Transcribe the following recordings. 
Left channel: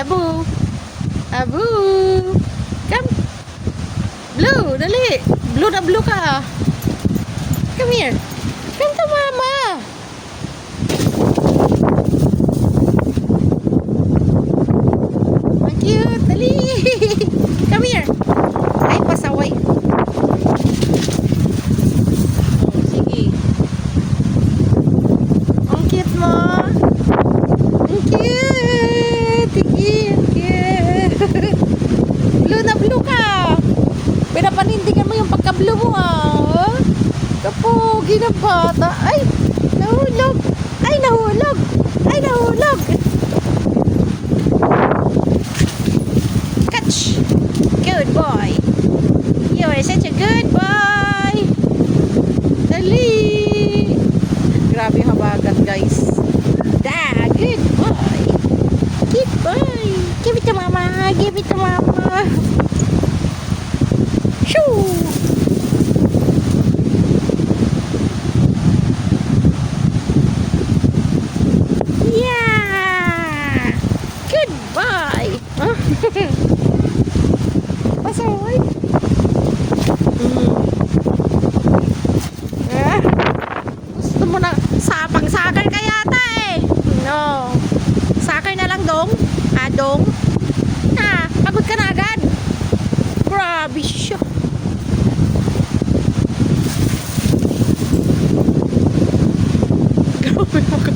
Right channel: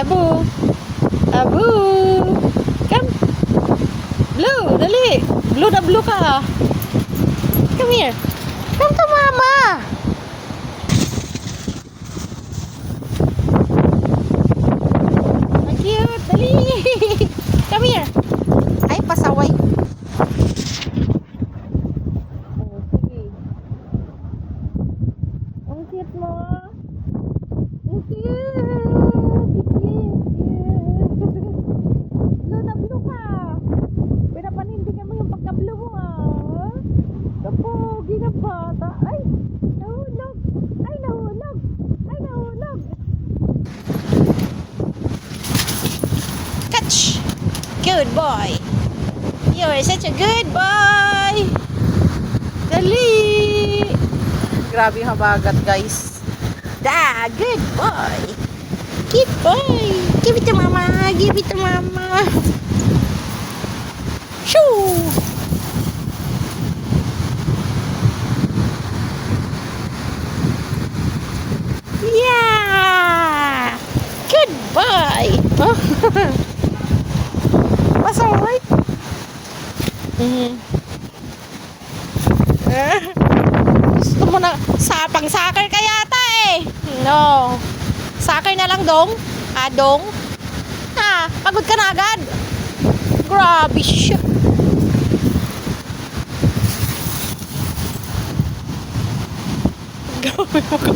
Abu. Abu. Come. Blue, dali. Blue na blue ka. Come here. Come to mama. Cute, dali. Come here. Ay, pasaway. Sige. Ang cute mo. Ang cute. Ang cute. Blue na blue ka. Pinapanindigan mo yung pagka-blue mo, ah. Kapogi na bata. Ay, nahulog. Ay, nahulog. Ay, nahulog. Catch. Good boy. You're such a good boy. Dali. Grabe yung habagat, guys. Da, good boy. Good boy. Give it to mama. Give it to mama. Shoo. Yeah. Good boy. Pasaway. Gusto mo na pang-soccer ka yata eh. No. Soccer na lang, dong. Dong. Pagod ka na agad. Grabe siya. Grabe mo ka.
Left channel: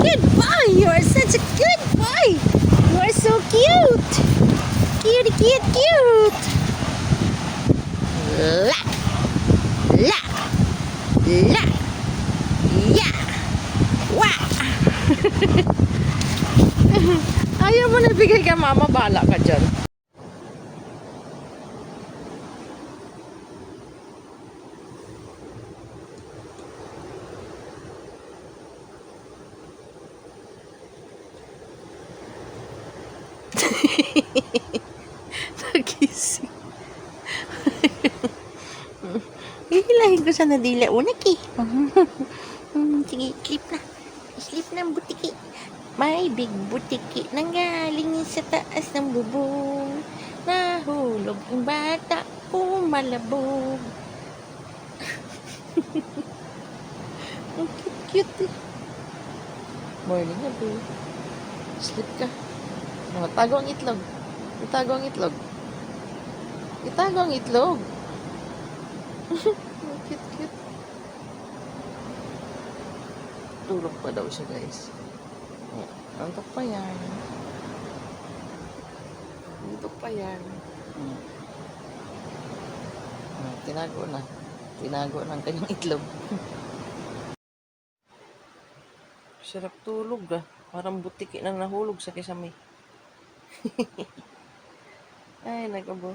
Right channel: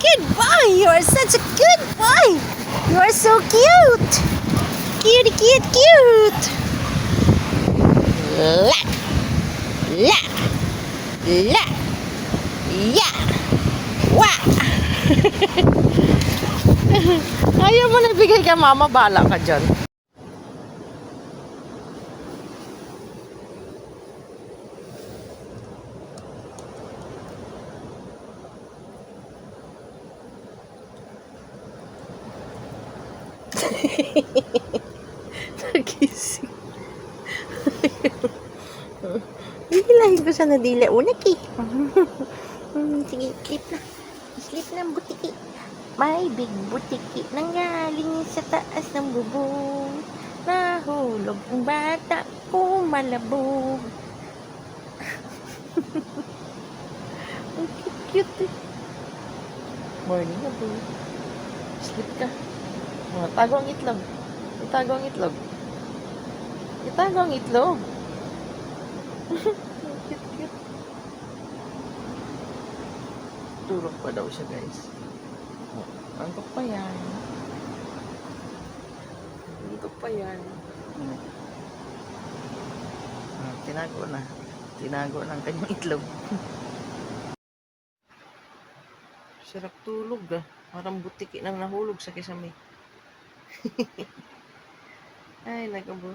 Good boy. You are such a good boy. You are so cute. Cute, cute, cute. La. La. La. Ya. Wa. Ayaw mo na bigay ka, mama. Bala ka dyan. Nagising. Hihilahin ko sa nadila unak eh. Sige, sleep na. Sleep na, butiki. May big butiki nanggaling sa taas ng bubong. Nahulog ang bata ko malabog. Ang cute eh. Morning na po. Sleep ka. Tago ang itlog. Itago ang itlog. Itago ang itlog. Cute, cute. Tulog pa daw siya, guys. Antok pa yan. Antok pa yan. Tinago na. Tinago na ang kanyang itlog. Sarap tulog ah. Parang butiki nang nahulog sa kisame. Ay, nagabo.